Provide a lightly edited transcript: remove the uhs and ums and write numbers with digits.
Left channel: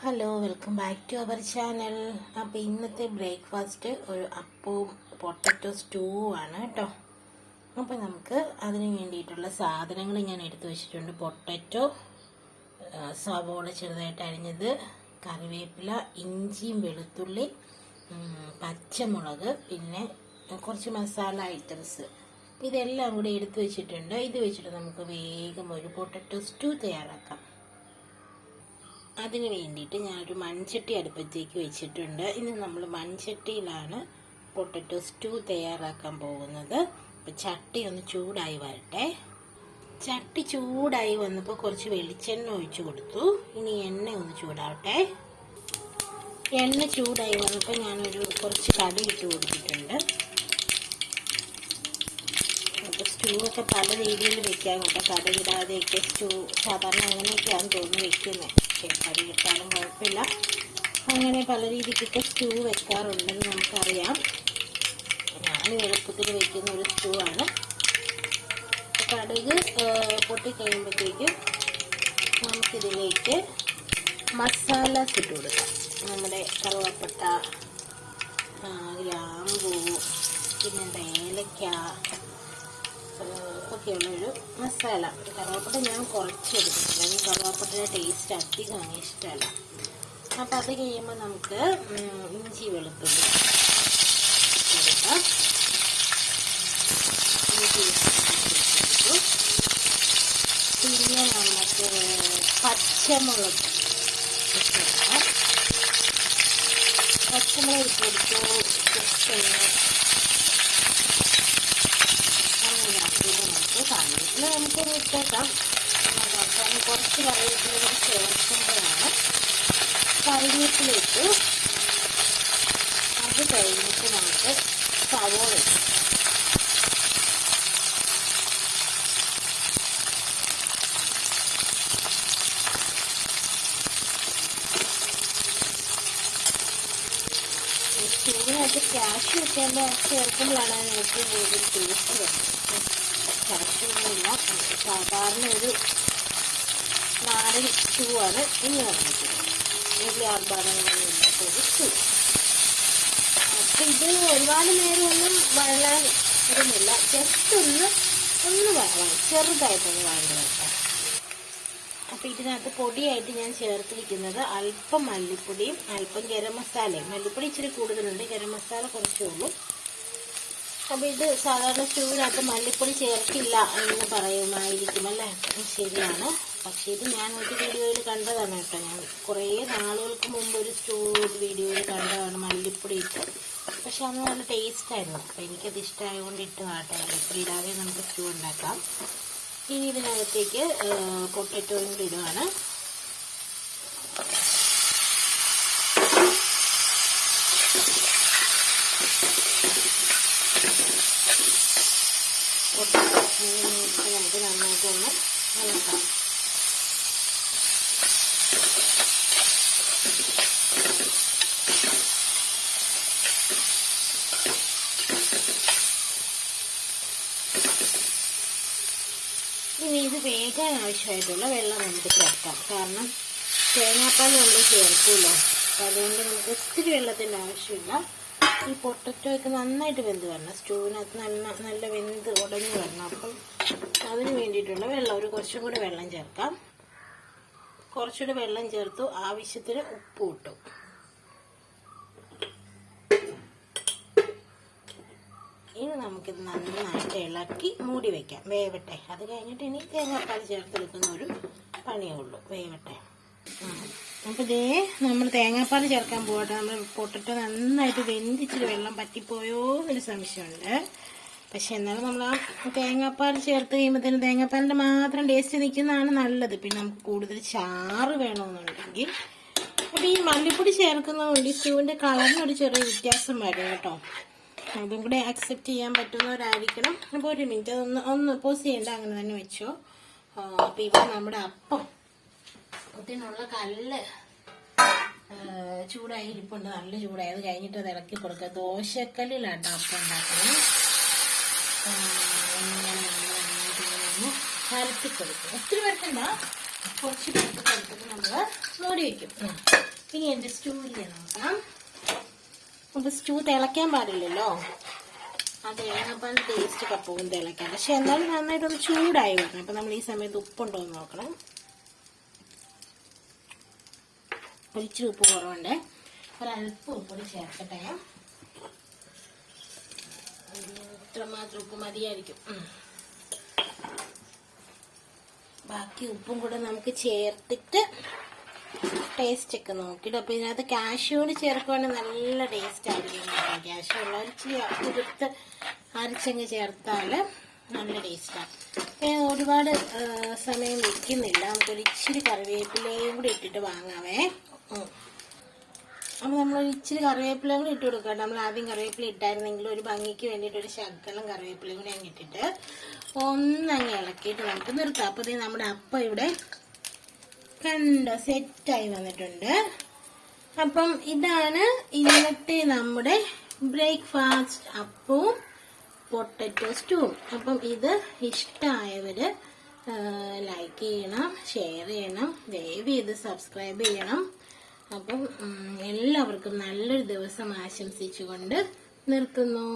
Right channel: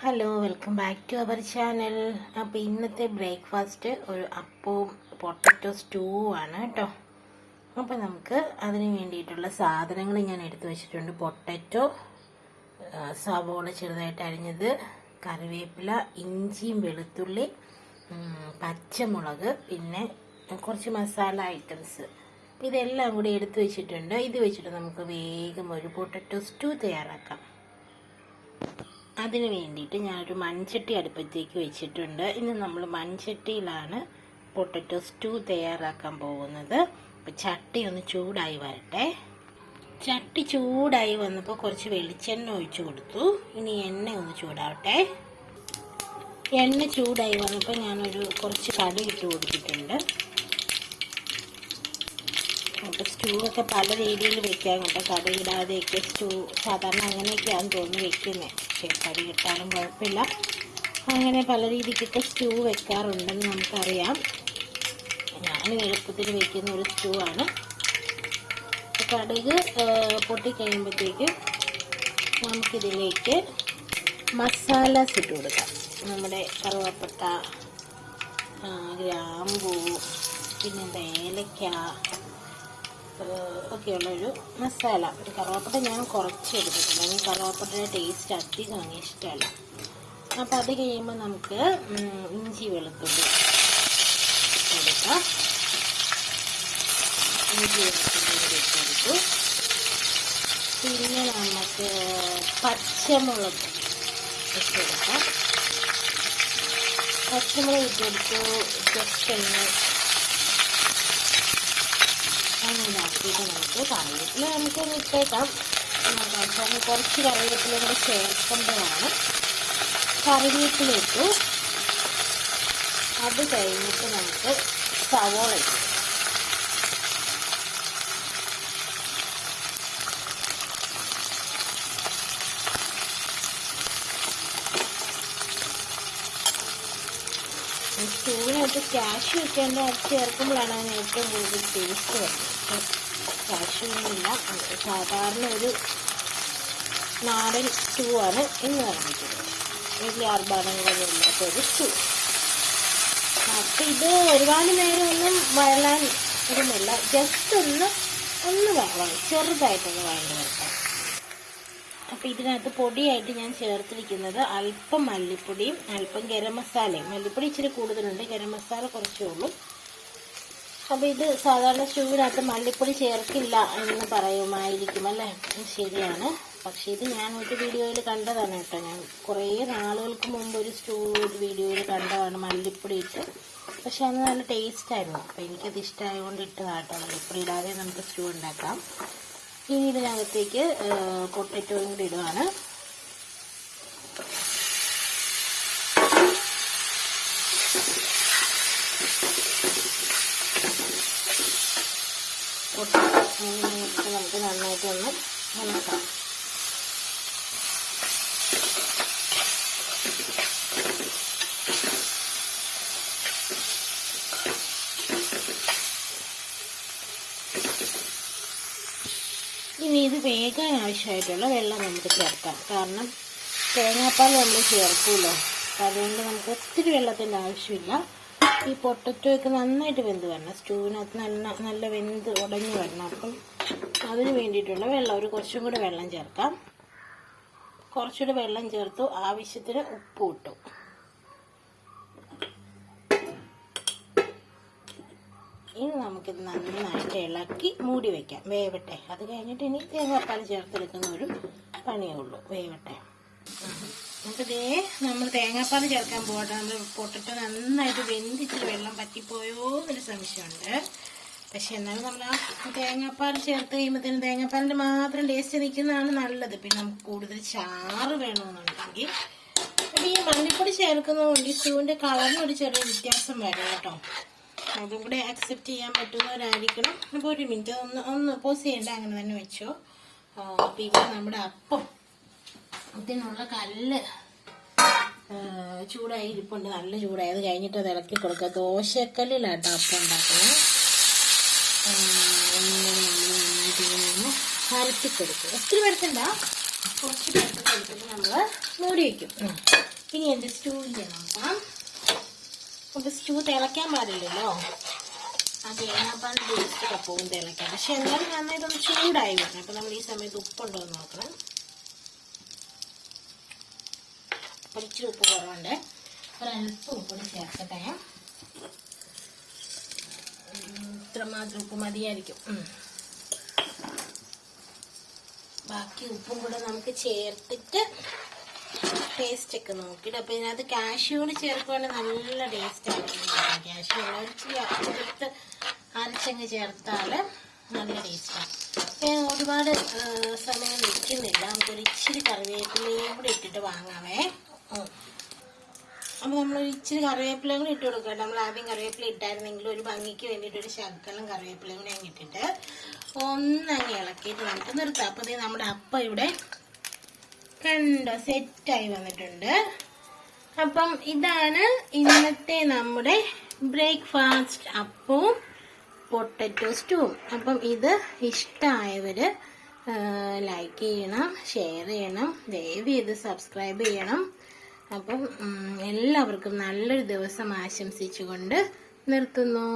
Hello, welcome back to our channel. അപ്പോൾ ഇന്നത്തെ breakfast ഒരു അപ്പവും പൊട്ടറ്റോ സ്റ്റൂവും ആണ് കേട്ടോ. അപ്പോൾ നമുക്ക് അതിന് വേണ്ടിയിട്ടുള്ള സാധനങ്ങൾ ഞാൻ എടുത്തു വെച്ചിട്ടുണ്ട്. പൊട്ടറ്റോ, സവോള ചെറുതായിട്ട് അരിഞ്ഞത്, കറിവേപ്പില, ഇഞ്ചിയും വെളുത്തുള്ളി, പച്ചമുളക്, പിന്നെ കുറച്ച് മസാല ഐറ്റംസ്. ഇതെല്ലാം കൂടി എടുത്തു വെച്ചിട്ടുണ്ട്. ഇത് വെച്ചിട്ട് നമുക്ക് വേഗം ഒരു പൊട്ടറ്റോ സ്റ്റൂ തയ്യാറാക്കാം. അതിന് വേണ്ടിയിട്ട് ഞാനൊരു മൺചട്ടി അടുപ്പത്തേക്ക് വെച്ചിട്ടുണ്ട്. ഇന്ന് നമ്മൾ മൺചട്ടിയിലാണ് പൊട്ടറ്റോ സ്റ്റൂ തയ്യാറാക്കാൻ പോകുന്നത്. അപ്പോൾ ചട്ടി ഒന്ന് ചൂടായി വരട്ടെ. ചട്ടി ചൂടായി വന്നപ്പോൾ കുറച്ച് വെളിച്ചെണ്ണ ഒഴിച്ചു കൊടുത്തു. ഇനി എണ്ണ ഒന്ന് ചൂടാവട്ടെ. എണ്ണ ചൂടായി വന്നപ്പോൾ ഞാനൊരു കുറച്ച് കടുക് ഇട്ട് കൊടുത്തിട്ടുണ്ട്. അപ്പോൾ സ്റ്റൂ ഒക്കെ പല രീതിയിൽ വെക്കാൻ കേട്ടോ. കടുകിടാതെയൊക്കെ സ്റ്റൂ സാധാരണ അങ്ങനെയൊക്കെയാണ് തോന്നി വെക്കുന്നത്. കറി കിട്ടാനും കുഴപ്പമില്ല. അങ്ങനെ പല രീതിക്കൊക്കെ സ്റ്റൂ വെക്കാറുണ്ടെന്ന് നമുക്കറിയാം. ഞാൻ എളുപ്പത്തിൽ വെക്കുന്ന ഒരു സ്റ്റൂ ആണ്. കടുക് പൊട്ടിക്കഴിയുമ്പോഴത്തേക്ക് നമുക്കിതിലേക്ക് മസാലാസ് ഇട്ട് കൊടുക്കാം. നമ്മുടെ കറുവാപ്പട്ട, ഗ്രാമ്പൂ, പിന്നെ ഏലക്ക ഒക്കെയുള്ളൊരു മസാല. ഒരു കറുവാപ്പട്ട ഞാൻ കുറച്ച് എടുത്തിട്ടുണ്ട്. എനിക്ക് കറുവാപ്പട്ടയുടെ ടേസ്റ്റ് അധികം ഇഷ്ടമല്ല. അപ്പോൾ അത് കഴിയുമ്പോൾ നമുക്ക് ഇഞ്ചി വെളുത്തുള്ളി കൊടുക്കാം. ഇഞ്ചി വെളുത്തുള്ളി കൊടുത്തു. പിന്നെ നമുക്ക് പച്ചമുളക് ഇട്ട് കൊടുക്കാം. പച്ചമുളക് ഇട്ട് കൊടുത്തു. ജസ്റ്റ് ഒന്ന് അങ്ങനെയാക്കിയിട്ട് നമുക്ക് കറിവേപ്പില നമുക്ക് ഇട്ടേക്കാം. അവസാനം കുറച്ച് കറിവേപ്പില കൂടെ ചേർക്കുമ്പോഴാണ് കറിവേപ്പില ഇട്ടു. അത് കഴിഞ്ഞിട്ട് നമുക്ക് സവോള ഇട്ടു. സ്റ്റൂവിനകത്ത് കാഷ്യൂ ഒക്കെ ചേർക്കുമ്പോഴാണ് അതിന് ഏറ്റവും കൂടുതൽ ടേസ്റ്റ് വരുന്നത്. കാഷ്യൊന്നുമില്ല, സാധാരണ ഒരു നാടൻ സ്റ്റൂ ആണ് ഇന്ന് നിർമ്മിക്കുന്നത്. വലിയ ആർഭാടങ്ങളൊന്നും ഇല്ലാത്തൊരു സ്റ്റൂ. അപ്പം ഇത് ഒരുപാട് നേരമൊന്നും വഴലാൻ ഇടുന്നില്ല. ജസ്റ്റ് ഒന്ന് വഴണം, ചെറുതായിട്ടൊന്ന് വഴണ്ട് വരട്ടെ. അപ്പം ഇതിനകത്ത് പൊടിയായിട്ട് ഞാൻ ചേർത്തിരിക്കുന്നത് അല്പം മല്ലിപ്പൊടിയും അല്പം ഗരം മസാലയും. മല്ലിപ്പൊടി ഇച്ചിരി കൂടുതലുണ്ട്, ഗരം മസാല കുറച്ചേ ഉള്ളൂ. അപ്പോൾ ഇത് സാധാരണ സ്റ്റൂവിനകത്ത് മല്ലിപ്പൊടി ചേർക്കില്ല എന്ന് പറയുമായിരിക്കും അല്ലേ? ശരിയാണ്. പക്ഷേ ഇത് ഞാൻ ഒരു വീഡിയോയിൽ കണ്ടതാണ് കേട്ടോ. ഞാൻ കുറേ നാളുകൾക്ക് മുമ്പ് ഒരു സ്റ്റൂ വീഡിയോയിൽ കണ്ടതാണ് മല്ലിപ്പൊടി ഇട്ട്. പക്ഷെ അത് നല്ല ടേസ്റ്റായിരുന്നു. അപ്പോൾ എനിക്കത് ഇഷ്ടമായതുകൊണ്ട് ഇട്ടതാണ് കേട്ടോ. മല്ലിപ്പൊടി ഇടാതെ നമുക്ക് സ്റ്റൂ ഉണ്ടാക്കാം. ഇനി ഇതിനകത്തേക്ക് പൊട്ടറ്റോയും കൂടി ഇടുകയാണ്. നമുക്ക് നന്നായിട്ടൊന്ന് ഇളക്കാം. ഇനി ഇത് വേകാൻ ആവശ്യമായിട്ടുള്ള വെള്ളം നമുക്ക് ചേർക്കാം. കാരണം തേങ്ങാപ്പാൽ നമ്മൾ ചേർക്കുമല്ലോ. അപ്പം അതുകൊണ്ട് നമുക്ക് ഒത്തിരി വെള്ളത്തിൻ്റെ ആവശ്യമില്ല. ഈ പൊട്ടറ്റോ ഒക്കെ നന്നായിട്ട് വെന്ത് വരണം. സ്റ്റൂവിനകത്ത് നല്ല വെന്ത് ഉടഞ്ഞു വരണം. അപ്പം അതിന് വേണ്ടിയിട്ടുള്ള വെള്ളം കുറച്ചും കൂടെ വെള്ളം ചേർക്കാം. കുറച്ചുകൂടെ വെള്ളം ചേർത്തു. ആവശ്യത്തിന് ഉപ്പ് ഇട്ടു. ഇനി നമുക്കിത് നന്നായിട്ട് ഇളക്കി മൂടി വയ്ക്കാം. വേവട്ടെ. അത് കഴിഞ്ഞിട്ട് ഇനി തേങ്ങാപ്പാൽ ചേർത്തെടുക്കുന്ന ഒരു പണിയേ ഉള്ളൂ. വേവട്ടെ. നമുക്കിതേ നമ്മൾ തേങ്ങാപ്പാൽ ചേർക്കാൻ പോകട്ടെ. നമ്മൾ പൊട്ടറ്റോ നന്നായിട്ട് വെന്തിച്ചിട്ട് വെള്ളം പറ്റിപ്പോയോ എന്നൊരു സംശയമുണ്ട്. പക്ഷെ എന്നാലും നമ്മൾ ആ തേങ്ങാപ്പാൽ ചേർത്ത് കഴിയുമ്പോഴത്തേനും തേങ്ങാപ്പാലിൻ്റെ മാത്രം ടേസ്റ്റ് നിൽക്കുന്നതാണ് നല്ലത്. പിന്നെ നമുക്ക് കൂടുതൽ ചാറ് വേണമെന്നുണ്ടെങ്കിൽ അപ്പോൾ ഈ മല്ലിപ്പൊടി ചേർക്കുന്നതുകൊണ്ട് ഈ സ്റ്റൂവിൻ്റെ കളറിനൊരു ചെറിയ വ്യത്യാസം വരും കേട്ടോ. അതും കൂടെ അക്സെപ്റ്റ് ചെയ്യാൻ പറ്റുന്നവരായിരിക്കണം. അപ്പോൾ ഒരു മിനിറ്റ് ഒന്ന് പോസ് ചെയ്യേണ്ട, അങ്ങനെ തന്നെ വെച്ചോ. അപ്പോൾ ഇവിടെ നമ്മുടെ അപ്പം ഇതിനുള്ള കല്ല് ചൂടായി ഇരിപ്പുണ്ട്. നല്ല ചൂടായത് കഴിഞ്ഞിട്ട് അത് ഇളക്കി കൊടുക്കുക. ദോശക്കല്ലിലാട്ടോ അപ്പം ഉണ്ടാക്കുന്നത്. അരത്തി കൊടുക്കും. ഒത്തിരി പേർക്കണ്ട, കുറച്ച് പേർക്ക് കൊടുത്തിട്ട് നമ്മൾ മൂടി വയ്ക്കും. ഇനി എൻ്റെ സ്റ്റൂവിൻ്റെ നോക്കാം. അപ്പോൾ സ്റ്റൂ തിളയ്ക്കാൻ പാടില്ലല്ലോ, അത് കഴിഞ്ഞപ്പോൾ ടേസ്റ്റ് ഒക്കെ പോകും തിളയ്ക്കാൻ. പക്ഷെ എന്നാലും നന്നായിട്ടൊന്ന് ചൂടായി വരണം. അപ്പോൾ നമ്മൾ ഈ സമയത്ത് ഉപ്പുണ്ടോ എന്ന് നോക്കണം. ഇച്ചിരി ഉപ്പ് കുറവുണ്ട്, ഒരല്പം ഉപ്പൊടി ചേർക്കട്ടെ. ഇത്രമാത്രം ഉപ്പ് മതിയായിരിക്കും. ബാക്കി ഉപ്പും കൂടെ നമുക്ക് ചേർത്തിട്ട് ടേസ്റ്റ് ഒക്കെ നോക്കിയിട്ട്. അപ്പോൾ ഇതിനകത്ത് കാഷ്യൂട് ചേർക്കുകയാണെങ്കിൽ നല്ല ടേസ്റ്റ് ആയിരിക്കും. കാഷ്യൂ ഇച്ചിരി അപ്പുറത്ത് അരച്ചങ്ങ് ചേർത്താൽ നല്ല ടേസ്റ്റാണ്. ഒരുപാട് സമയം വെക്കുന്നില്ല, നമുക്കൊരു ഇച്ചിരി കറിവേപ്പിലയും കൂടി ഇട്ടിട്ട് വാങ്ങാമേ. അപ്പോൾ നമ്മളൊരു ഇച്ചിരി കറിവേപ്പിലയും കൂടി ഇട്ട് കൊടുക്കുക. നമ്മൾ ആദ്യം കറിവേപ്പില ഇട്ടായിരുന്നെങ്കിൽ ഒരു ഭംഗിക്ക് വേണ്ടിയിട്ട് ഒരു ശകലം കറിവേപ്പിലയും കൂടി അങ്ങ് ഇട്ടിട്ട് ഒന്നങ്ങ് ഇളക്കിയിട്ട് നമുക്ക് നിർത്താം. അപ്പോൾ നമ്മുടെ അപ്പം ഇവിടെ കണ്ടോ സെറ്റായി വന്നിട്ടുണ്ട്. അപ്പം ഇതാണ് ഇന്നത്തെ നമ്മുടെ ബ്രേക്ക്ഫാസ്റ്റ്, അപ്പവും പൊട്ടറ്റോ സ്റ്റൂവും. അപ്പം ഇത് ഇഷ്ടമായവർ ലൈക്ക് ചെയ്യണം, ഷെയർ ചെയ്യണം, ദയവ് ചെയ്ത് സബ്സ്ക്രൈബ് ചെയ്യണം. അപ്പം എല്ലാവർക്കും നല്ലൊരു ദിവസം ആശംസിച്ചുകൊണ്ട് നിർത്തുന്നു.